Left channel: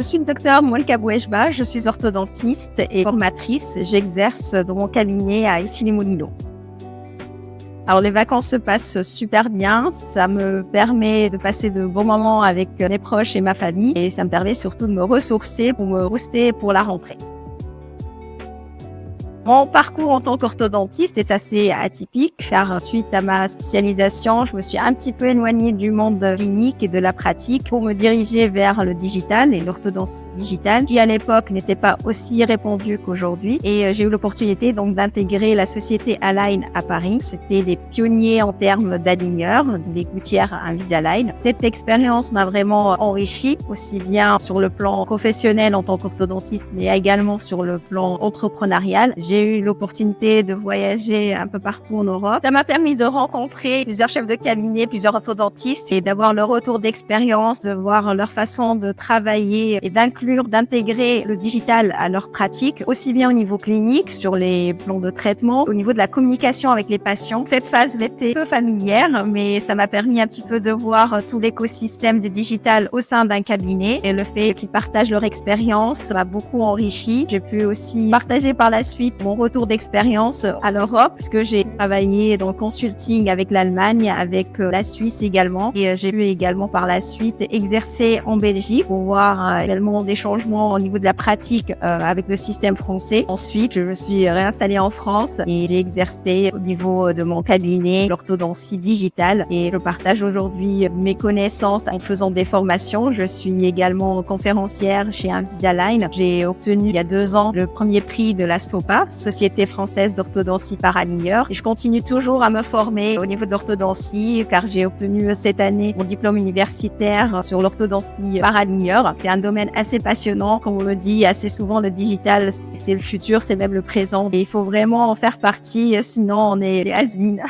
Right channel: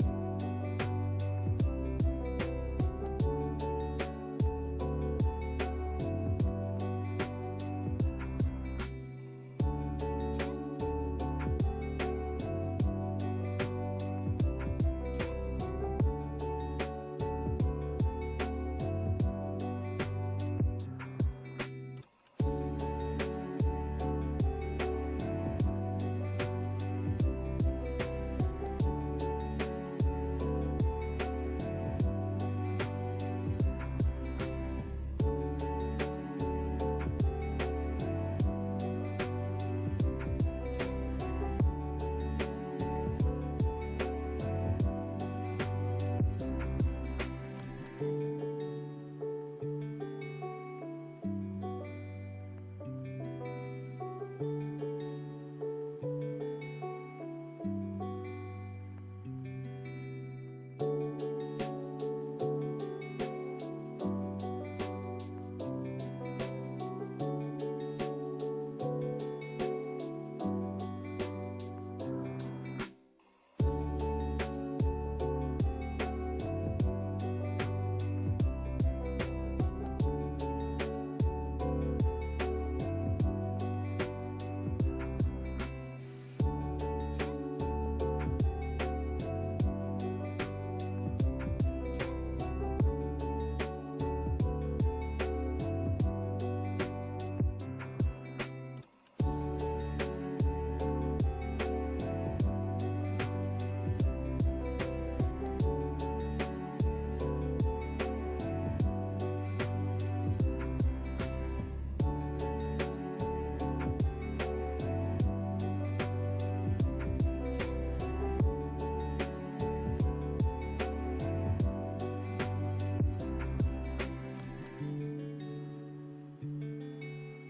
Je suis le docteur Mouelka Bouejba, je suis orthodontiste et formatrice. J'exerce dans mon cabinet à Issy-les-Moulineaux. Alors les vacances se passent super bien, ça me permet de passer de bons moments avec mes proches et ma famille et ça me permet surtout de me ressourcer pour me booster pour la rentrée. Mon parcours en tant qu'orthodontiste est assez atypique car suite à ma spécialisation, je me suis un petit peu éloignée du monde clinique et de la pratique pour me diriger vers le digital et l'orthodontie digitale qui à l'époque n'était pas aussi répandue qu'aujourd'hui. Et j'ai eu l'opportunité donc d'intégrer la société Align à Paris. C'était les pionniers en termes d'aligneurs, les gouttières Invisalign. Cette expérience m'a vraiment enrichie, aussi bien sur le plan professionnel en tant qu'orthodontiste, mais également sur le plan entrepreneurial. J'ai eu l'opportunité de voyager un peu partout en Europe. Ça m'a permis de rencontrer plusieurs chefs de cabinet, plusieurs orthodontistes et d'avoir leur retour d'expérience, de voir leur façon de travailler et d'intégrer le digital à leur pratique, aussi bien au niveau clinique, sur les plans de traitement, au niveau de la communication avec les patients. Cette phase m'était peu familière, mais ça m'a permis un petit peu de voir tout l'écosystème du digital au sein d'un cabinet et le fait qu'ils partagent leur expérience m'a beaucoup enrichi. J'ai pu aussi partager par la suite mon retour d'expérience à l'Europe, puisque j'ai travaillé dans le consulting avec l'Allemagne, avec la Suisse également. Et j'ai pu également par la suite exercer en Belgique pour voir également des changements au niveau de la pratique avec le système français. Ensuite, je me suis réinstallée en France et j'ai exercé au niveau de mon cabinet l'orthodontie digitale. Et je partage aujourd'hui mes connaissances en faisant des formations. Je suis également conférencière chez Invisalign. J'ai obtenu il y a 2 ans le premier prix de la SFOPA, Société française d'orthodontie par aligneur. Et je continue toujours à me former au niveau de l'orthodontie car j'ai obtenu cette année mon diplôme universitaire sur l'orthodontie par aligneur. C'est un domaine assez passionnant. Comme on me dit assez souvent, le digital, c'est le futur, c'est même le présent. Et il faut vraiment en faire partie, sinon on est les has-been.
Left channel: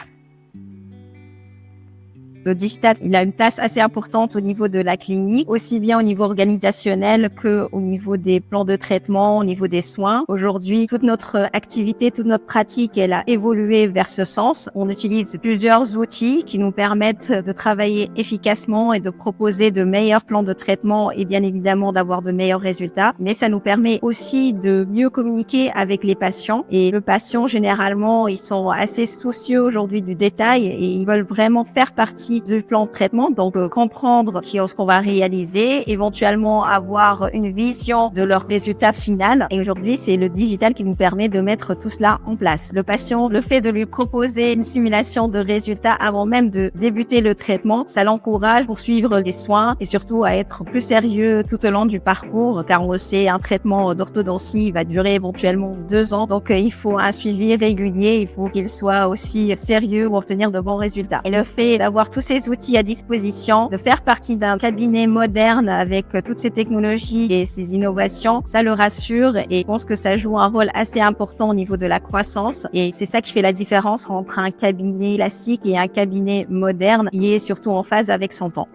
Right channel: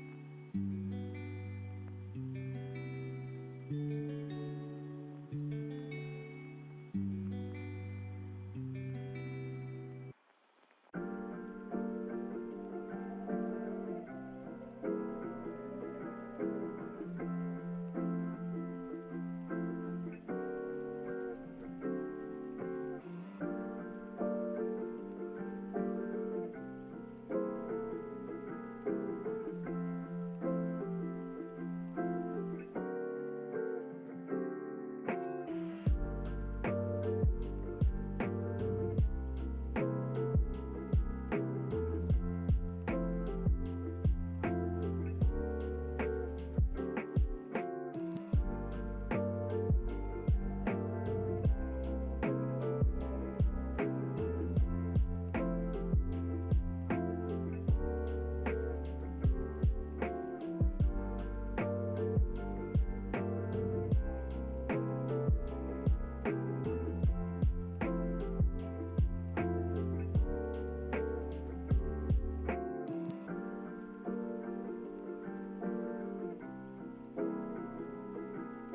Le digital, il a une place assez importante au niveau de la clinique, aussi bien au niveau organisationnel qu'au niveau des plans de traitement, au niveau des soins. Aujourd'hui, toute notre activité, toute notre pratique, elle a évolué vers ce sens. On utilise plusieurs outils qui nous permettent de travailler efficacement et de proposer de meilleurs plans de traitement et bien évidemment d'avoir de meilleurs résultats. Mais ça nous permet aussi de mieux communiquer avec les patients. Et le patient, généralement, ils sont assez soucieux aujourd'hui du détail et ils veulent vraiment faire partie du plan de traitement, donc comprendre ce qu'on va réaliser, éventuellement avoir une vision de leur résultat final. Et aujourd'hui, c'est le digital qui nous permet de mettre tout cela en place. Le patient, le fait de lui proposer une simulation de résultats avant même de débuter le traitement, ça l'encourage pour suivre les soins et surtout à être plus sérieux tout au long du parcours, car on le sait, un traitement d'orthodontie va durer éventuellement 2 ans, donc il faut un suivi régulier, il faut qu'il soit aussi sérieux pour obtenir de bons résultats. Et le fait d'avoir tous ces outils à disposition, de faire partie d'un cabinet moderne avec toutes ces technologies et ces innovations, ça le rassure et je pense que ça joue un rôle assez important au niveau de la croissance et c'est ça qui fait la différence entre un cabinet classique et un cabinet moderne qui est surtout en phase avec son temps.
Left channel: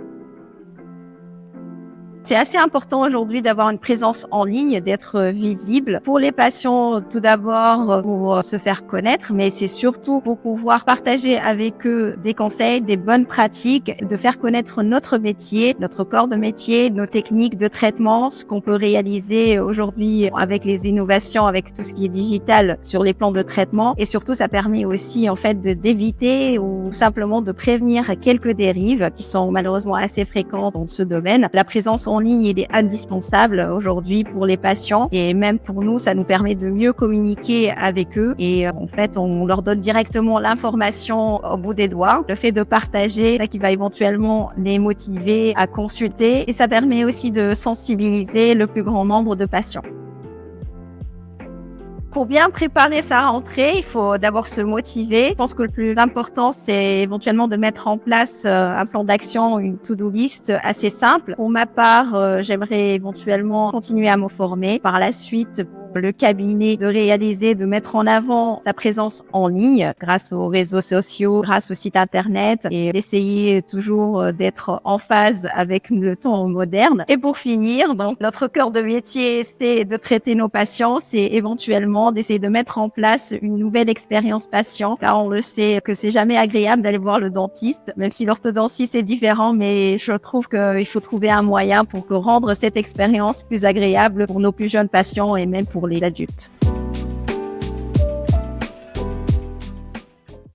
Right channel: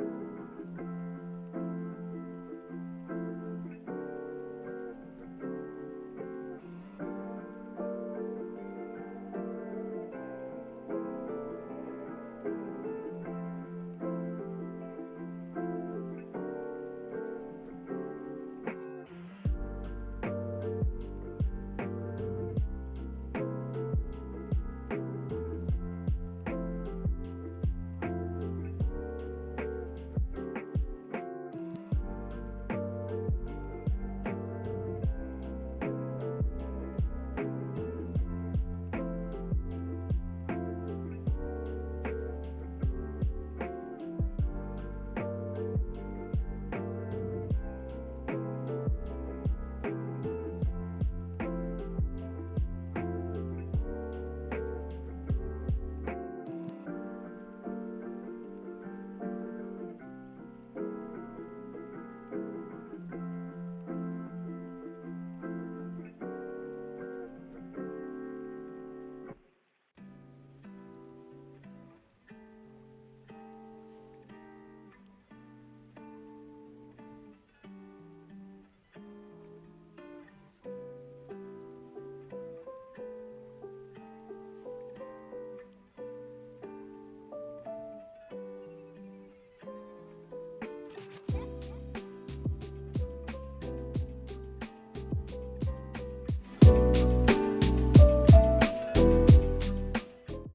C'est assez important aujourd'hui d'avoir une présence en ligne, d'être visible pour les patients tout d'abord pour se faire connaître, mais c'est surtout pour pouvoir partager avec eux des conseils, des bonnes pratiques, de faire connaître notre métier, notre corps de métier, nos techniques de traitement, ce qu'on peut réaliser aujourd'hui avec les innovations, avec tout ce qui est digital sur les plans de traitement. Et surtout, ça permet aussi en fait d'éviter ou simplement de prévenir quelques dérives qui sont malheureusement assez fréquentes dans ce domaine. La présence en ligne, il est indispensable aujourd'hui pour les patients et même pour nous, ça nous permet de mieux communiquer avec eux et en fait, on leur donne directement l'information au bout des doigts. Le fait de partager, ça qui va éventuellement les motiver à consulter et ça permet aussi de sensibiliser le plus grand nombre de patients. Pour bien préparer sa rentrée, il faut d'abord se motiver. Je pense que le plus important, c'est éventuellement de mettre en place un plan d'action, une to-do list assez simple. Pour ma part, j'aimerais éventuellement continuer à me former par la suite le cabinet de réaliser, de mettre en avant sa présence en ligne grâce aux réseaux sociaux, grâce au site internet et d'essayer toujours d'être en phase avec le temps moderne. Et pour finir, donc, notre cœur de métier, c'est de traiter nos patients, c'est éventuellement d'essayer de mettre en place une nouvelle expérience patient, car on le sait que c'est jamais agréable d'aller voir le dentiste, même si l'orthodontie c'est différent, mais je trouve qu'il faut trouver un moyen pour rendre cette expérience plus agréable pour nos plus jeunes patients et même pour les adultes.